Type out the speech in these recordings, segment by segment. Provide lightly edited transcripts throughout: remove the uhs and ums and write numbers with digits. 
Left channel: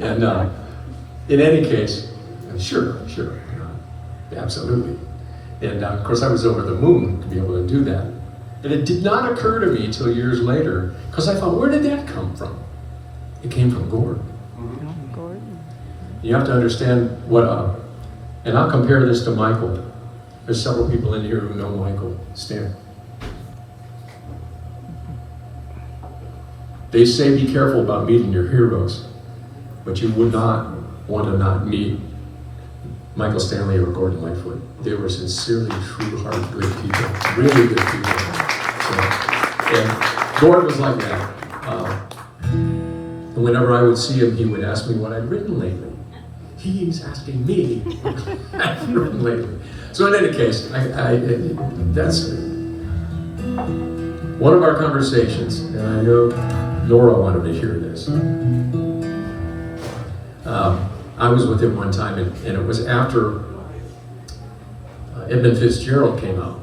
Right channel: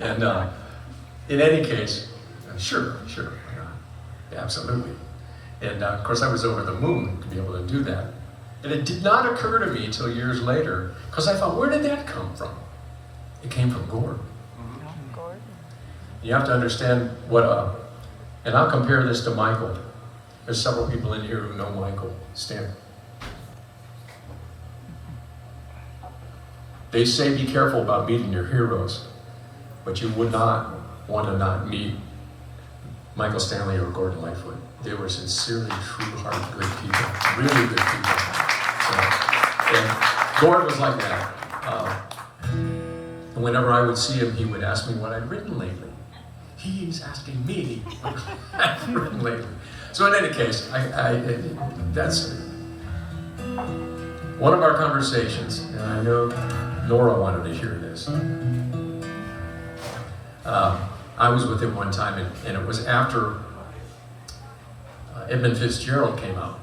And in any case, sure, absolutely. And of course I was over the moon to be able to do that. And it did not occur to me until years later, because I thought, where did that come from? It came from Gord. You have to understand what, and I'll compare this to Michael. There's several people in here who know Michael. Stand. They say be careful about meeting your heroes, but you would not want to not meet Michael Stanley or Gordon Lightfoot. They were sincerely, true-hearted, good people, really good people. So, and Gordon was like that. And whenever I would see him, he would ask me what I'd written lately. He's asking me what I've written lately. So in any case, that's one of our conversations, and I know Nora wanted to hear this. I was with him one time, and it was after Edmund Fitzgerald came out.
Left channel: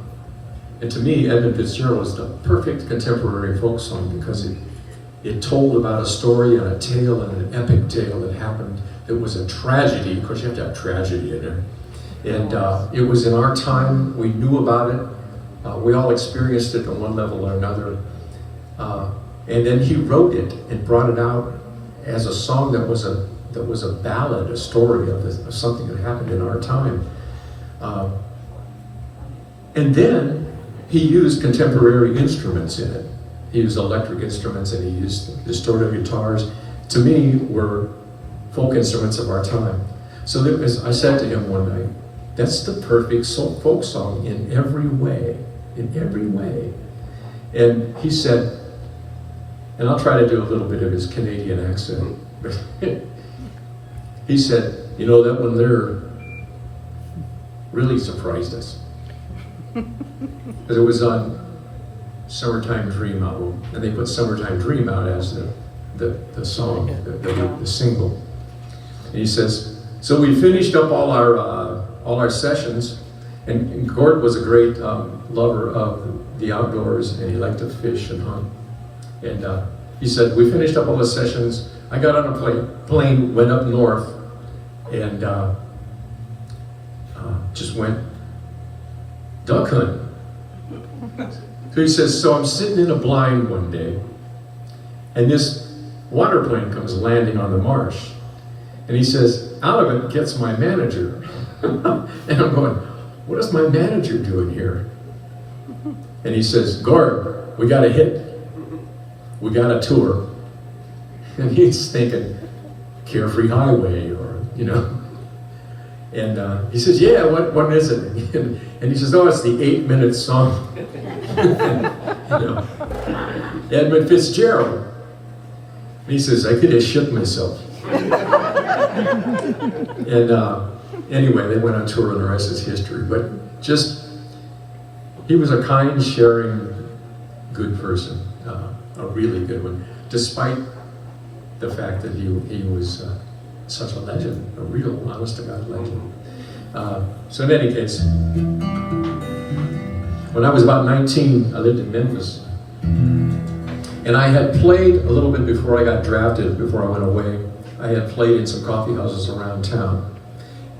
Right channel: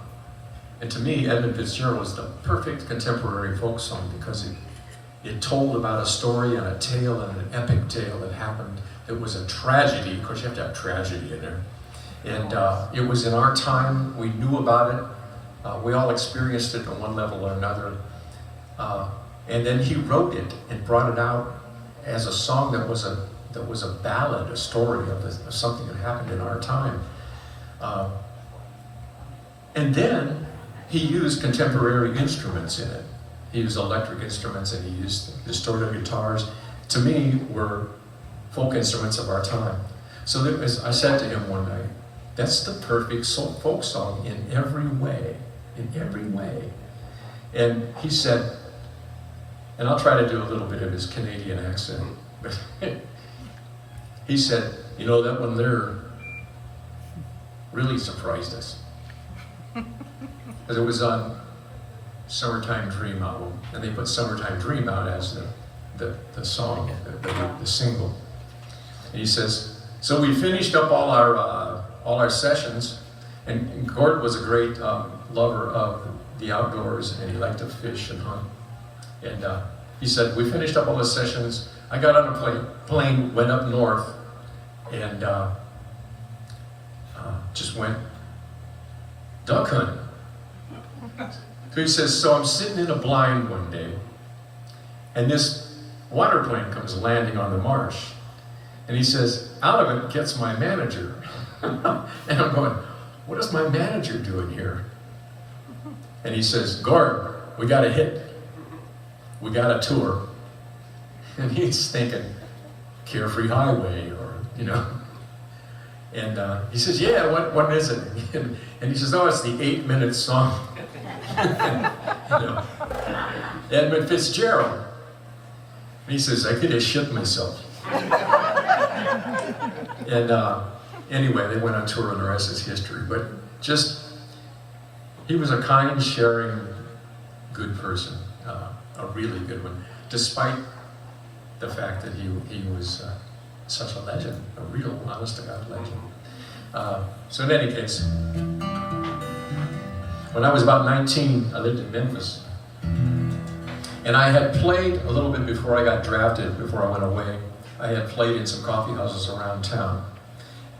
And to me, Edmund Fitzgerald was the perfect contemporary folk song because it told about a story and a tale and an epic tale that happened that was a tragedy. Of course, you have to have tragedy in there. And it was in our time, we knew about it. We all experienced it on one level or another. And then he wrote it and brought it out as a song that was a ballad, a story of something that happened in our time. And then he used contemporary instruments in it. He used electric instruments and he used distorted guitars. To me, were folk instruments of our time. So as I said to him one night, that's the perfect folk song in every way, And he said, and I'll try to do a little bit of his Canadian accent, but he said, you know, that one there really surprised us. Because it was on Summertime Dream album, and they put Summertime Dream out as the song, the single. And he says, so we finished up all our sessions, and Gord was a great lover of the outdoors, and he liked to fish and hunt. And he said, we finished up all the sessions. I got on a plane, went up north, and just went duck hunting. So he says, so I'm sitting in a blind one day, and this water plane comes landing on the marsh. And he says, out of it gets my manager. And I'm going, what is my manager doing here? And he says, Gord, we got a hit. We got a tour. And he's thinking, Carefree Highway, or, you know. And he says, yeah, what is it? And he says, oh, it's the 8-minute song. You know, Edmund Fitzgerald. And he says, I could have shit myself. And anyway, they went on tour and the rest is history. But just, he was a kind, sharing, good person, a really good one, despite the fact that he was such a legend, a real honest-to-God legend. So in any case, when I was about 19, I lived in Memphis. And I had played a little bit before I got drafted, before I went away. I had played in some coffee houses around town.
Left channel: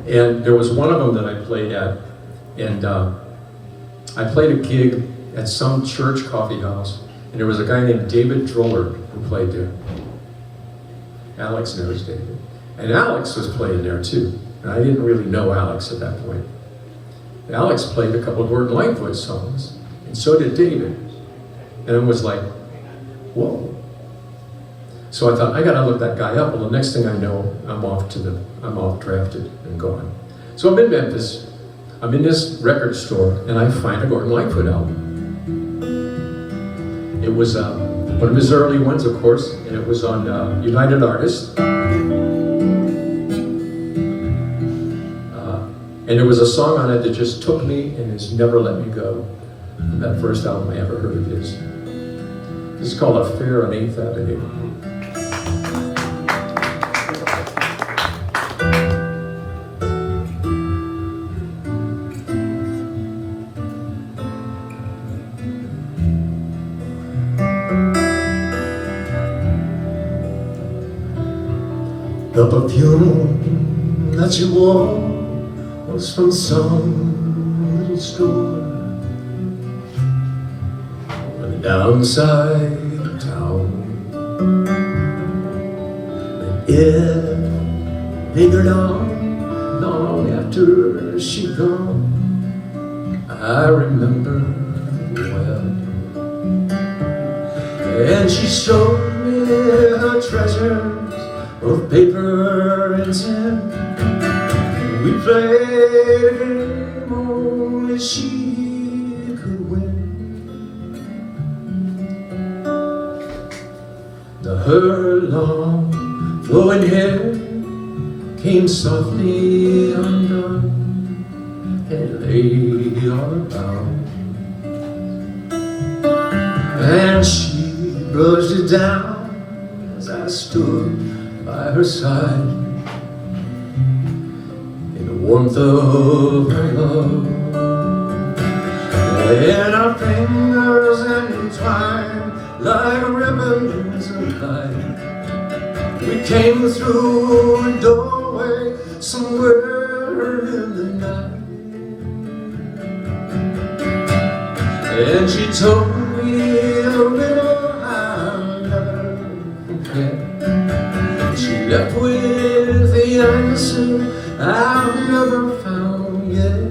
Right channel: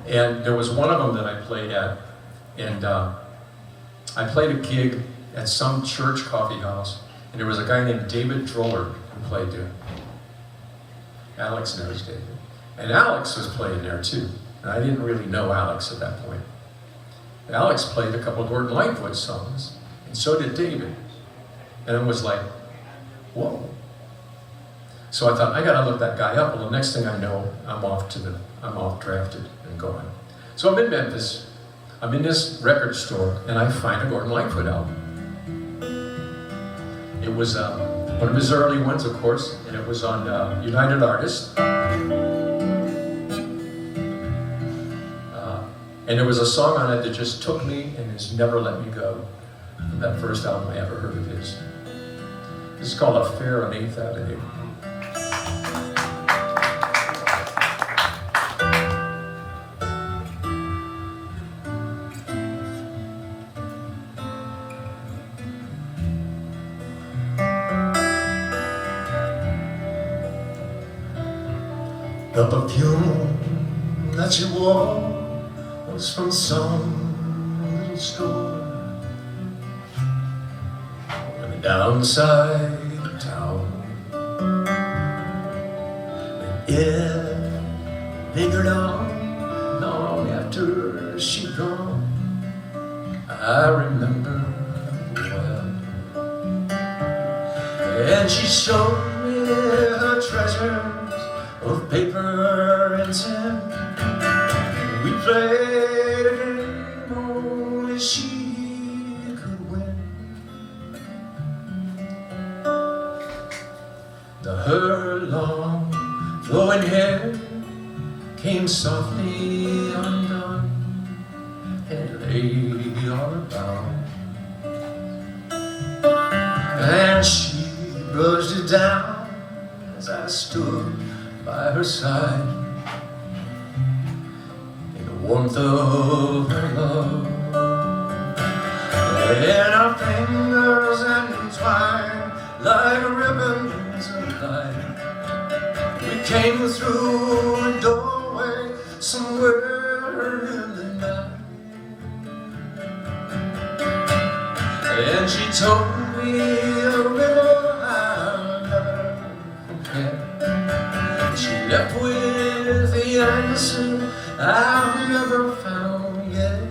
And there was one of them that I played at, and I played a gig at some church coffee house, and there was a guy named David Droller who played there. Alex knows David. And Alex was playing there too. And I didn't really know Alex at that point. And Alex played a couple of Gordon Lightfoot songs, and so did David. And it was like, whoa. So I thought, I gotta look that guy up. Well, the next thing I know, I'm off drafted and gone. So I'm in Memphis, I'm in this record store, and I find a Gordon Lightfoot album. It was one of his early ones, of course, and it was on United Artists. And there was a song on it that just took me and has never let me go. And that first album I ever heard of his. It's called Affair on 8th Avenue. The perfume that you wore was from some little store on the downside of town. And it lingered on long after she'd gone. I remember well. And she showed me her treasures of paper and tin. We played a game only she could win. Her long flowing hair came softly undone and lay all about. And she brushed it down as I stood by her side in the warmth of her love. And our fingers entwined like ribbons of light. We came through a doorway somewhere in the night. And she told me a riddle I'll never forget. She left with the answer I've never found yet.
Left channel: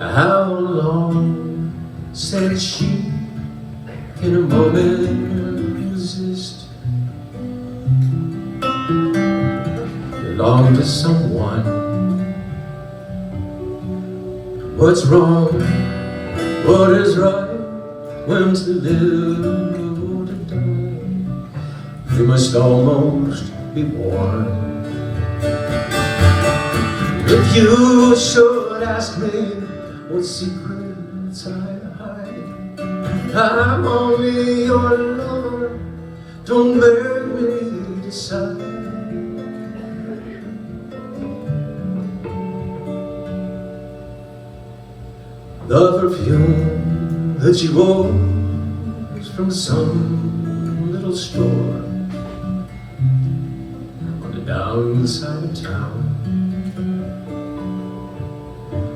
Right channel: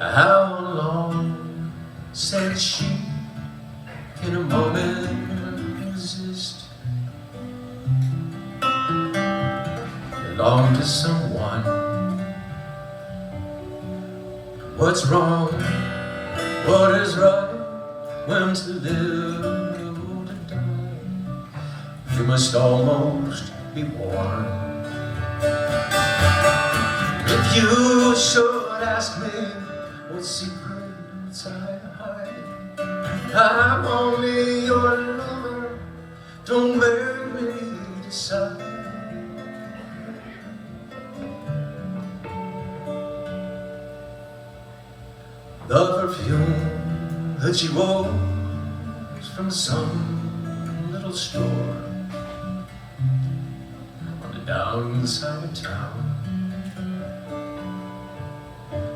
How long, said she, can a moment resist? Belong to someone. What's wrong? What is right? When to live or to die? We must almost be one. If you should ask me what secrets I hide, I'm only your lover. Don't make me decide. The perfume that you wore was from some little store on the downside of town.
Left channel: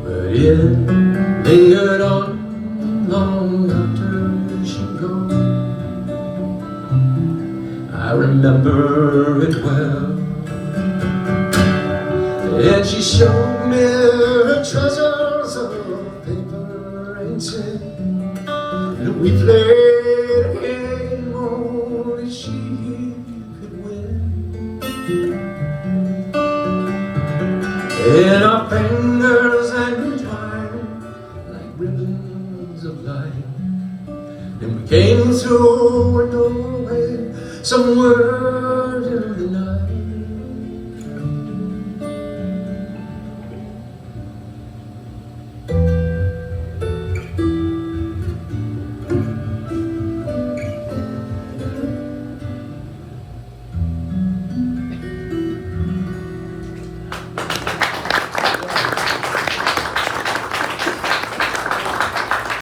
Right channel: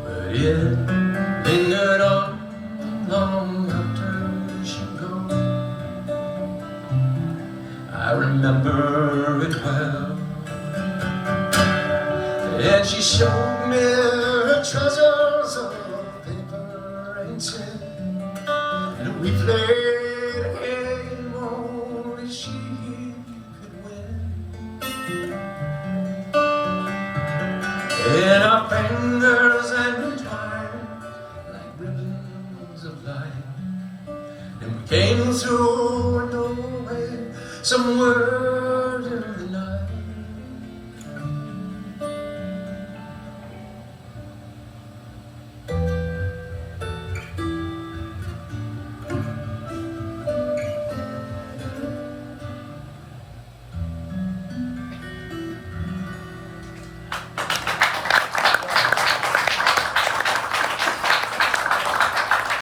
But it lingered on long after she'd gone. I remember it well. And she showed me her treasures of paper and tin. And we played a game only she could win. And our fingers entwined like ribbons of light. And we came through a doorway somewhere